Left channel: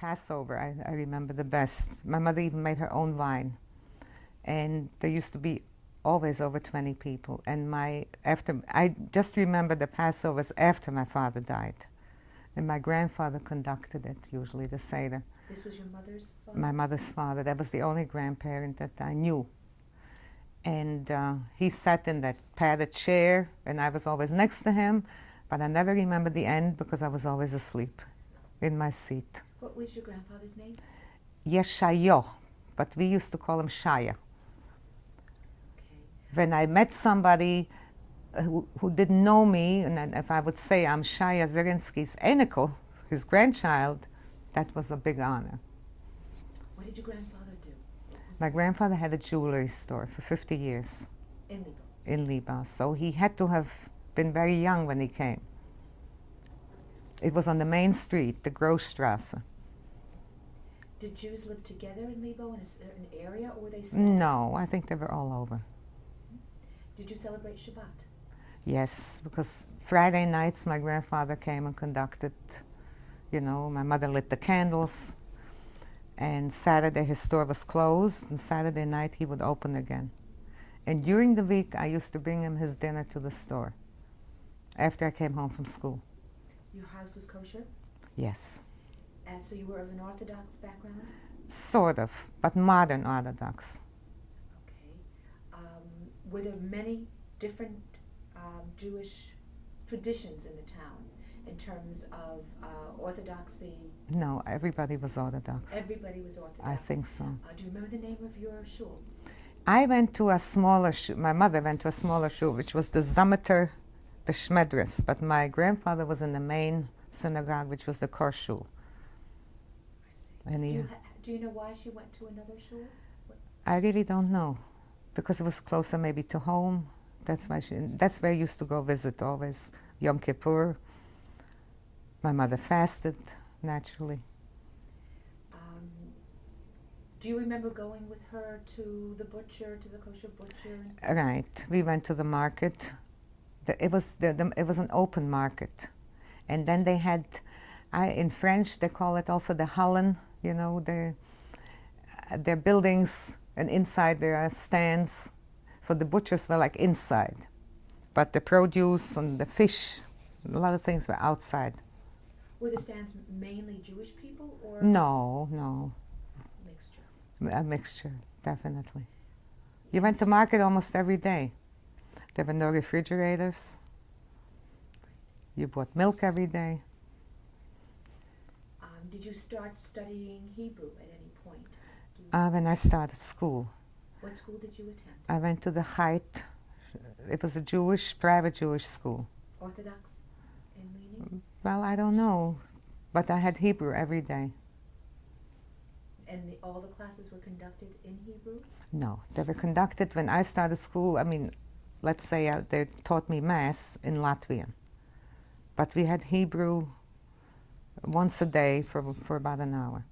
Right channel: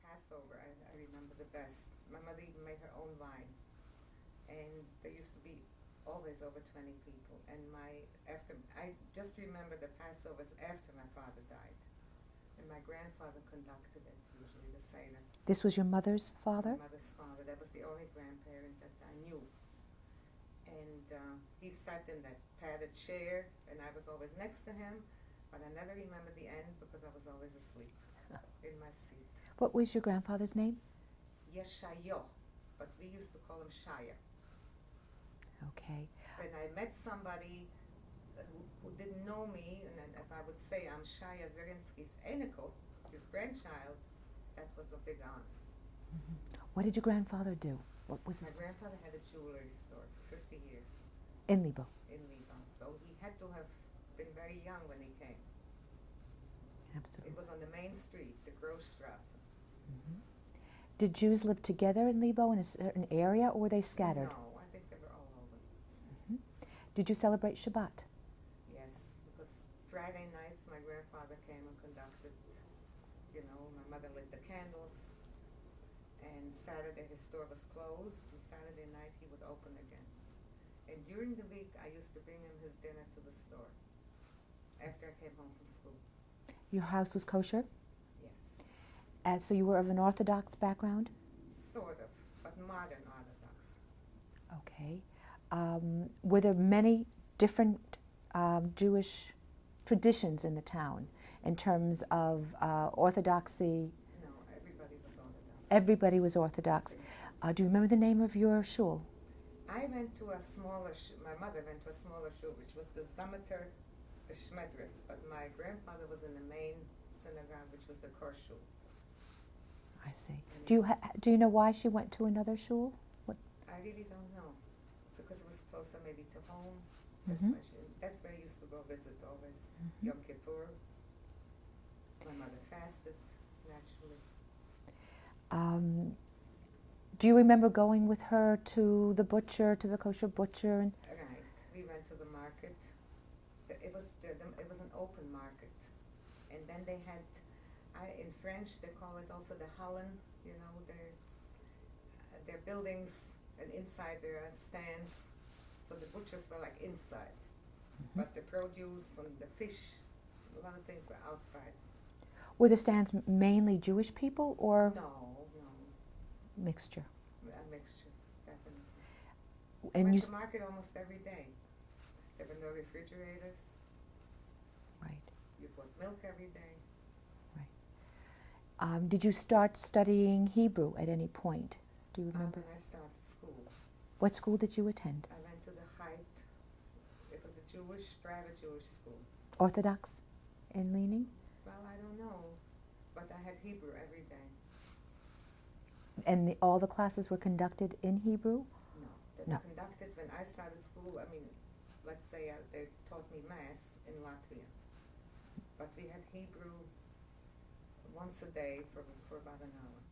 Passover, I remember the best. My mother even made her own wine. And there used to be always over 20 people. And I just remember the Passovers after my father died. And my grandfather conducted it, usually, the Seder. This was your mother's father? My mother's father. That was the only grandparent that I knew. And he sat in that padded chair, and I was always next to him, but I never remember the end because I was always asleep in my seat. What was your grandfather's name? Yeshayo, but we used to call him Shaya. Okay. When I met somebody who didn't know me, and then if I would say I'm Shaya Zirinsky's Enikel, his grandchild, that was a big honor. What did your grandfather do? What was My grandfather had a jewelry store for 50 years. In Liepāja? In Liepāja. So he had to have been very young when he came. Absolutely. It was on the main street, the Großstrasse. Did Jews live together in Liepāja in a certain area, or were they scattered? No, I think they were all over. Did you celebrate Shabbat? Yes, because Friday nights my grandfather came and conducted, you know, my mother lit the candles, and Saturday his store was closed, and Saturday night he would open again. And during the week I used to bring him his dinner to the store after I came home from school. Your house was kosher? Yes. So you were of an Orthodox background? Sort of, but modern Orthodox. Okay. Were there many different Jewish traditions in the town in terms of Orthodoxy? No, everybody was Orthodox. Everybody was Orthodox? I think so. Do you remember the name of your shul? I went to a smaller shul. My mother went to a smaller shul, which was the Zameter Beshmedres, but my grandfather was in the main synagogue, which was the Kor Shul. I see. And Do you know why she went to another shul? I really don't know, because it was closer maybe to home. That's why that's where I used to go visit always. Yom Kippur. My mother fasted, naturally. Do you remember going with her to the butcher, to the kosher butcher? Right. We went to the market. It was an open market. And then they had, in French they call it also the hallen, you know, their buildings, and inside there are stands. So the butchers were like inside, but the produce and the fish, a lot of things were outside. Were the stands mainly Jewish people, or? No, no. Mixture. A mixture, definitely. You went to market almost every day. There were no refrigerators. Right. You bought milk every day. Right. Did you start studying Hebrew at any point? When I started school. What school did you attend? I went to the Height. It was a private Jewish school. Orthodox in leaning? Well, I don't know, but I had Hebrew every day. And all the classes were conducted in Hebrew? No, they were conducted when I started school. I mean, let's say they taught me Mass in Latvian. But we had Hebrew once a day for about an hour.